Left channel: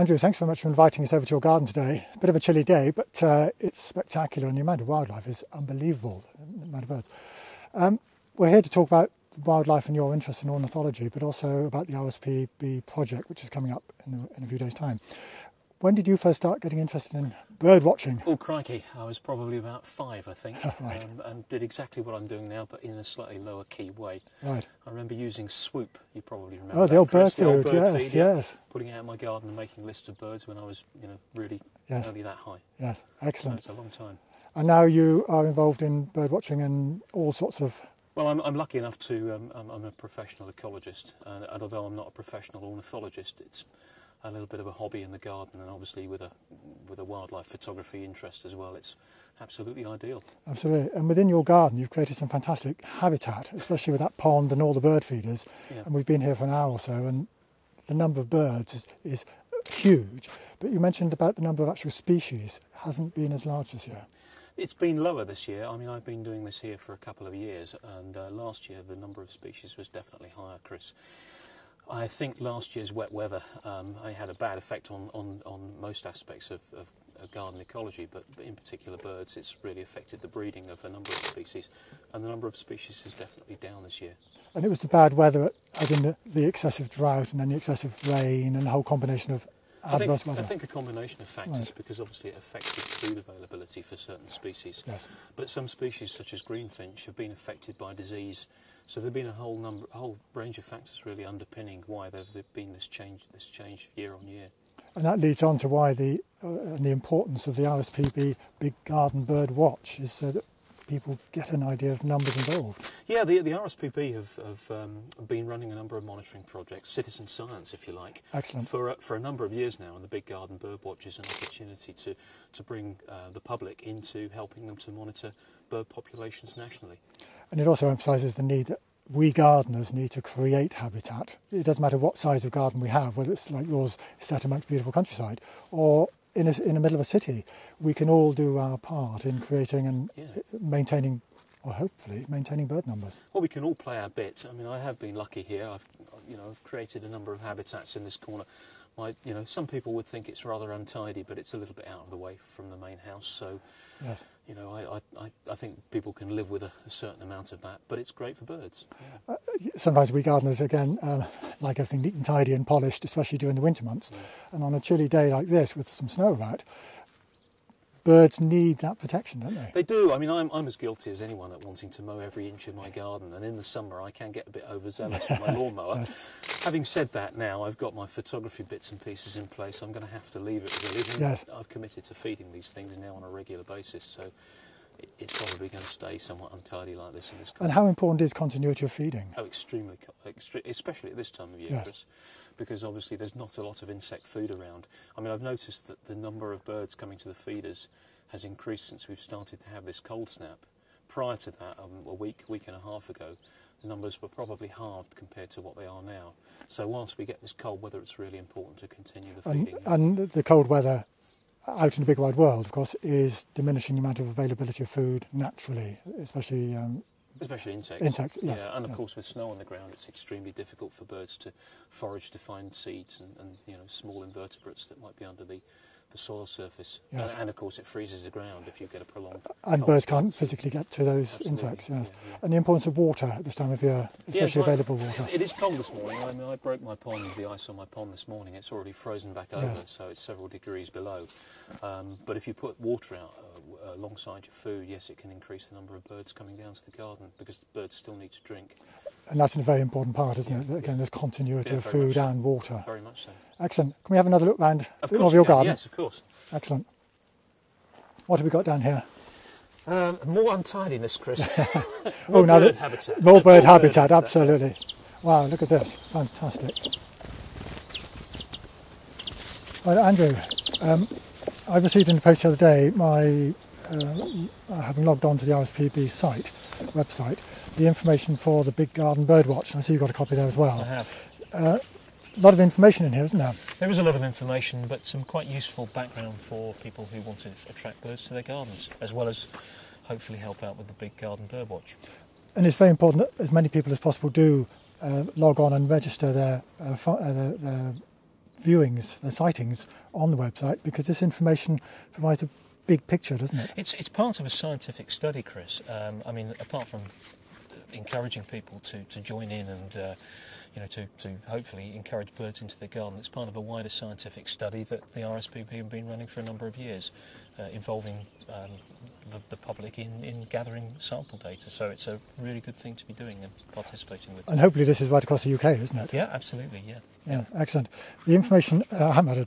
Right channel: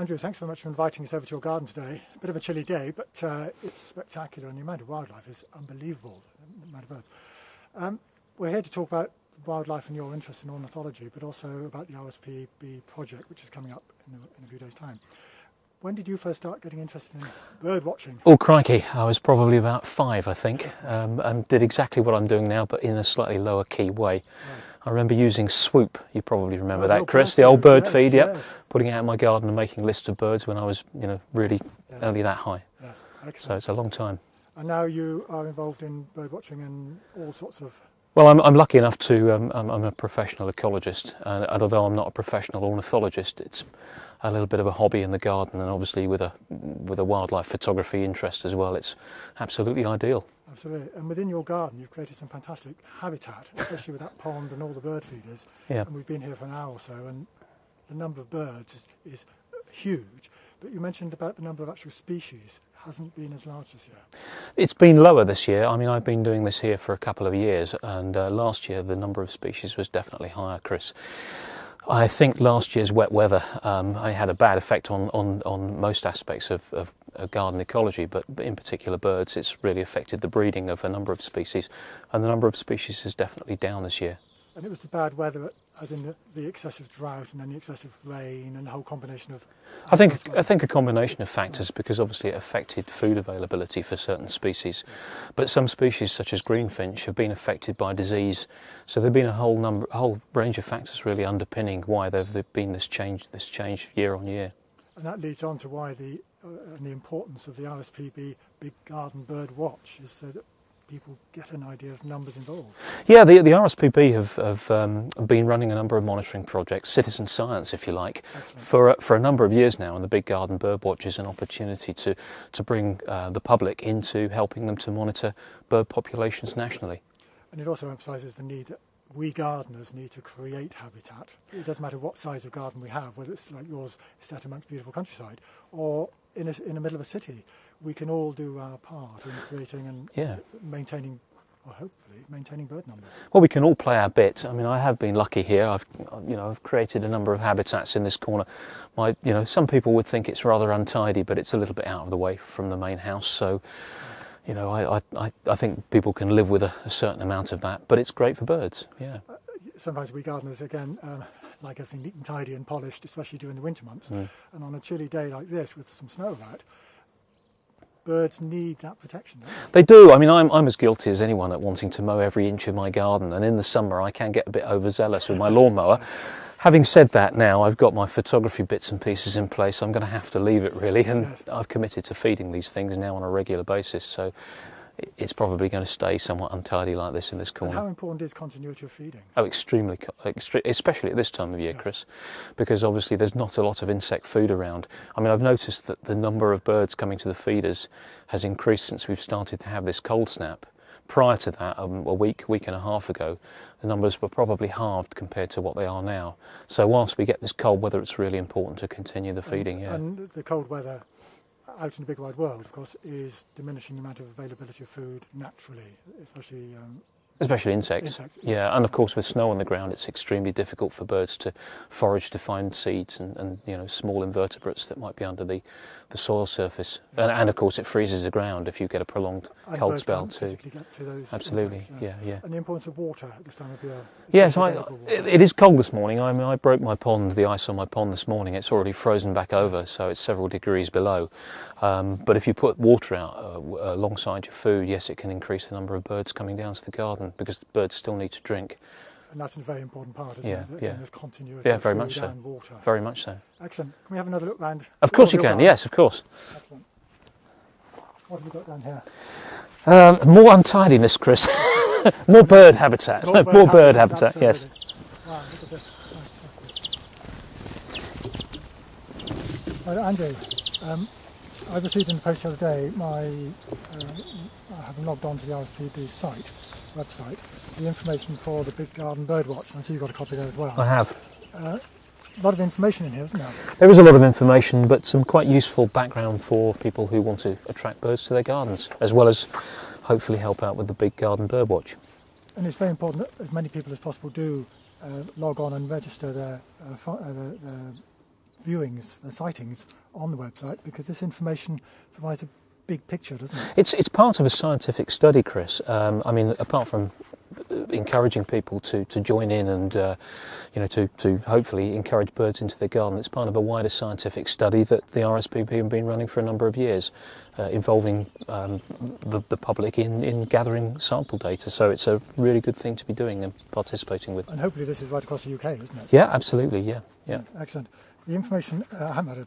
Andrew, thanks very much for inviting us over to your garden today. A bit of a chilly day, but it's spectacular, and the amount of wildlife is unbelievable, the amount of birds. We're here to talk about wildlife and your interest in ornithology, but also about the RSPB project, which is coming up in a few days' time. When did you first start getting interested in bird watching? Oh crikey, I was probably about 5, I think, and did exactly what I'm doing now, but in a slightly lower key way. Right. I remember using Swoop, you probably remember that, Chris, the old bird feed, yes. Putting it out in my garden and making lists of birds when I was, really only that high. Yes, excellent. So it's a long time. And now you are involved in bird watching and all sorts of... Well, I'm lucky enough to, I'm a professional ecologist, and although I'm not a professional ornithologist, it's a little bit of a hobby in the garden, and obviously with a wildlife photography interest as well, it's absolutely ideal. Absolutely. And within your garden you've created some fantastic habitat, especially with that pond and all the bird feeders. Yeah. And we've been here for an hour or so, and the number of birds is huge. But you mentioned about the number of actual species hasn't been as large this year. It's been lower this year. I mean, I've been doing this here for a couple of years, and last year the number of species was definitely higher, Chris. I think last year's wet weather had a bad effect on most aspects of garden ecology, but in particular birds. It's really affected the breeding of a number of species, and the number of species is definitely down this year. And it was the bad weather, as in the excessive drought and then the excessive rain and the whole combination of... I think a combination of factors, because obviously it affected food availability for certain species. Yes. But some species, such as greenfinch, have been affected by disease. So there've been a whole range of factors really underpinning why there've been this change year on year. And that leads on to why the importance of the RSPB Big Garden Bird Watch is so that people get an idea of numbers involved. Yeah, the RSPB have been running a number of monitoring projects, citizen science if you like, for a number of years now, and the Big Garden Bird Watch is an opportunity to bring the public into helping them to monitor bird populations nationally. And it also emphasises the need that we gardeners need to create habitat. It doesn't matter what size of garden we have, whether it's like yours set amongst beautiful countryside or in the middle of a city. We can all do our part in creating and maintaining, or hopefully maintaining, bird numbers. Well, we can all play our bit. I mean, I have been lucky here. I've created a number of habitats in this corner. Some people would think it's rather untidy, but it's a little bit out of the way from the main house. So, yes. I think people can live with a certain amount of that, but it's great for birds. Yeah. Sometimes we gardeners, again, like everything neat and tidy and polished, especially during the winter months. And on a chilly day like this with some snow about, birds need that protection, don't they? They do. I mean, I'm as guilty as anyone at wanting to mow every inch of my garden, and in the summer I can get a bit overzealous with my lawnmower. Having said that, now I've got my photography bits and pieces in place. I'm going to have to leave it really, and I've committed to feeding these things now on a regular basis, so it's probably going to stay somewhat untidy like this in this corner. And how important is continuity of feeding? Oh, extremely, especially at this time of year, Chris, because obviously there's not a lot of insect food around. I mean, I've noticed that the number of birds coming to the feeders has increased since we've started to have this cold snap. Prior to that, a week and a half ago, the numbers were probably halved compared to what they are now. So whilst we get this cold weather, it's really important to continue the feeding. And the cold weather out in the big wide world, of course, is diminishing the amount of availability of food naturally, especially insects. Yeah, and of course with snow on the ground, it's extremely difficult for birds to forage to find seeds and small invertebrates that might be under the soil surface. Yes. And of course it freezes the ground if you get a prolonged cold spell. And birds can't physically get to those insects. Yes. Yeah. And the importance of water at this time of year. Yes, it is cold this morning. I mean, I broke the ice on my pond this morning. It's already frozen back over, so it's several degrees below. But if you put water out alongside your food, yes, it can increase the number of birds coming down to the garden, because the birds still need to drink. And that's a very important part, isn't it? Again, there's continuity of food and water. Very much so. Excellent. Can we have another look round? Of course you can, yes, of course. Excellent. What have we got down here? More untidiness, Chris. More bird habitat. More bird habitat, absolutely. Yes. Wow, look at this. Fantastic. Well, Andrew, I received in the post the other day, having logged on to the RSPB website, the information for the Big Garden Bird Watch. I see you've got a copy there as well. I have. A lot of information in here, isn't there? There is a lot of information, but some quite useful background for people who want to attract birds to their gardens, as well as hopefully help out with the Big Garden Bird Watch. And it's very important that as many people as possible do log on and register their viewings, their sightings on the website, because this information provides a big picture, doesn't it? It's part of a scientific study, Chris. I mean, apart from encouraging people to join in and to hopefully encourage birds into their garden, it's part of a wider scientific study that the RSPB have been running for a number of years, involving the public in gathering sample data. So it's a really good thing to be doing and participating with. And hopefully this is right across the UK, isn't it? Yeah, absolutely. Yeah. Excellent. The information, I haven't had a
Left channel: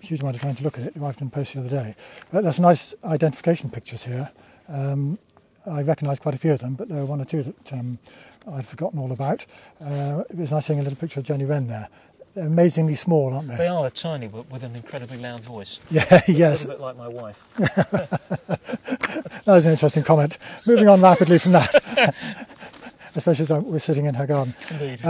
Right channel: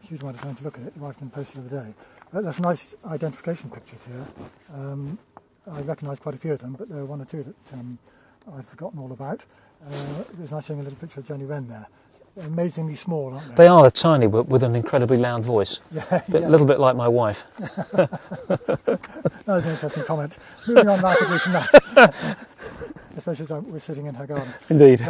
huge amount of time to look at it. It arrived in post the other day. But there's some nice identification pictures here. I recognise quite a few of them, but there are one or two that I'd forgotten all about. It was nice seeing a little picture of Jenny Wren there. They're amazingly small, aren't they? They are tiny, but with an incredibly loud voice. Yeah, A little bit like my wife. That was an interesting comment. Moving on rapidly from that, especially as we're sitting in her garden. Indeed.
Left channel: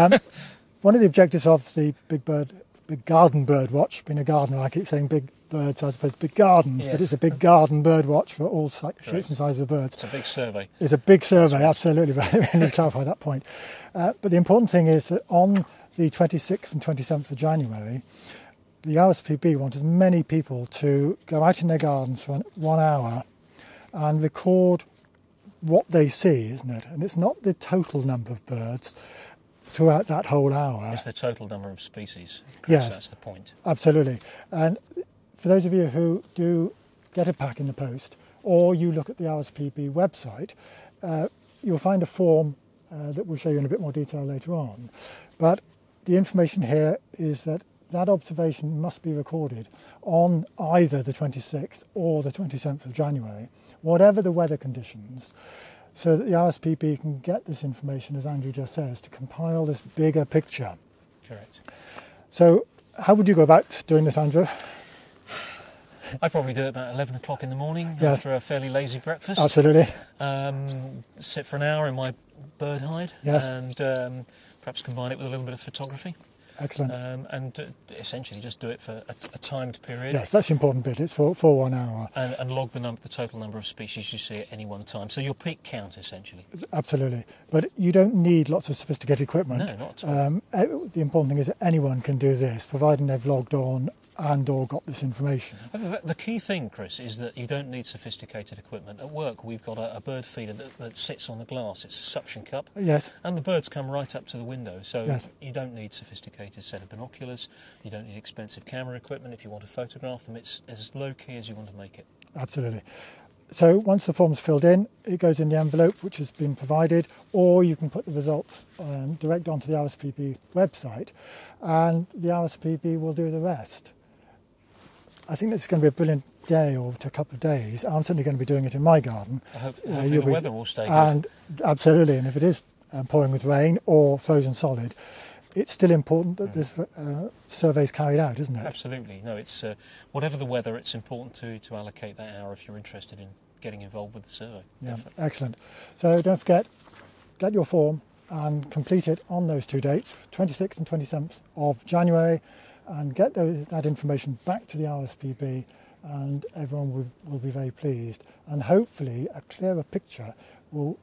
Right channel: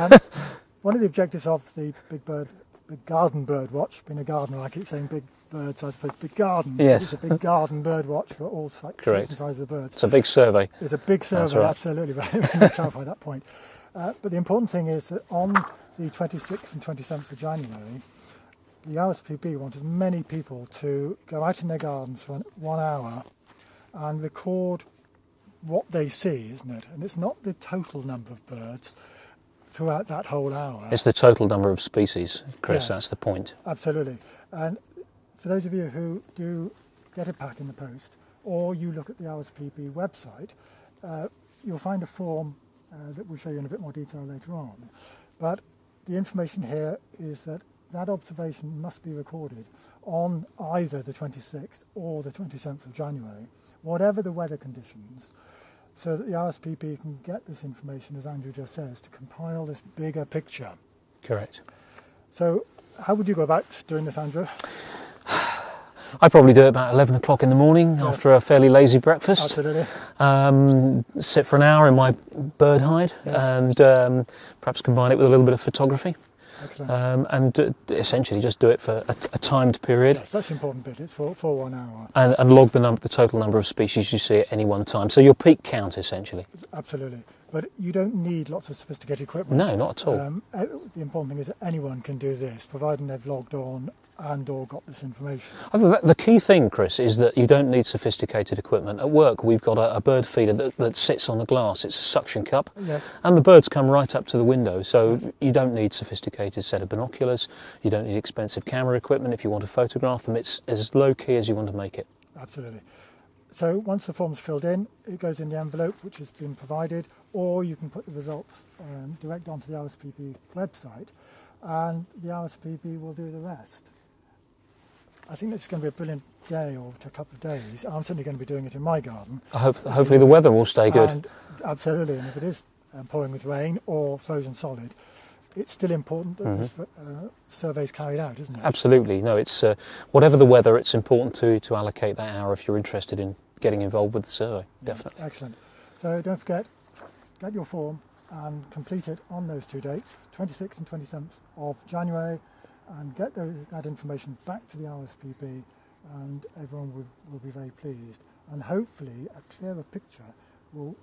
One of the objectives of the Big Garden Bird Watch, being a gardener, I keep saying big birds as opposed to big gardens. Yes. But it's a big garden bird watch for all shapes Correct. and sizes of birds. It's a big survey. It's a big survey, right. absolutely. Let me clarify that point. But the important thing is that on the 26th and 27th of January, the RSPB want as many people to go out in their gardens for 1 hour and record what they see, isn't it? And it's not the total number of birds throughout that whole hour. It's the total number of species, Chris, Yes. That's the point. Absolutely. And for those of you who do get a pack in the post, or you look at the RSPB website, you'll find a form that we'll show you in a bit more detail later on. But the information here is that that observation must be recorded on either the 26th or the 27th of January, whatever the weather conditions, so that the RSPB can get this information, as Andrew just says, to compile this bigger picture. Correct. So how would you go about doing this, Andrew? I probably do it about 11 o'clock in the morning after a fairly lazy breakfast. Absolutely. Sit for an hour in my bird hide Yes. and perhaps combine it with a little bit of photography. Excellent. And essentially just do it for a timed period. Yes, that's the important bit. It's for 1 hour. And log the total number of species you see at any one time. So your peak count, essentially. Absolutely. But you don't need lots of sophisticated equipment. No, not at all. The important thing is that anyone can do this, providing they've logged on and or got this information. The key thing, Chris, is that you don't need sophisticated equipment. At work, we've got a bird feeder that sits on the glass. It's a suction cup. Yes. And the birds come right up to the window, so Yes. you don't need sophisticated set of binoculars. You don't need expensive camera equipment if you want to photograph them. It's as low-key as you want to make it. Absolutely. So once the form's filled in, it goes in the envelope which has been provided, or you can put the results direct onto the RSPB website, and the RSPB will do the rest. I think this is going to be a brilliant day or a couple of days. I'm certainly going to be doing it in my garden. Hopefully the weather will stay good. And absolutely, and if it is pouring with rain or frozen solid, it's still important that this survey is carried out, isn't it? Absolutely. No, it's whatever the weather, it's important to allocate that hour if you're interested in getting involved with the survey. Yeah, Definitely. excellent. So don't forget, get your form and complete it on those two dates, 26th and 27th of January, and get that information back to the RSPB, and everyone will be very pleased. And hopefully a clearer picture will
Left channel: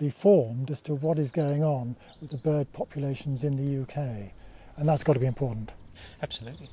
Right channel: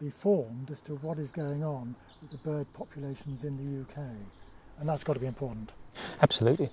be formed as to what is going on with the bird populations in the UK. And that's got to be important. Absolutely.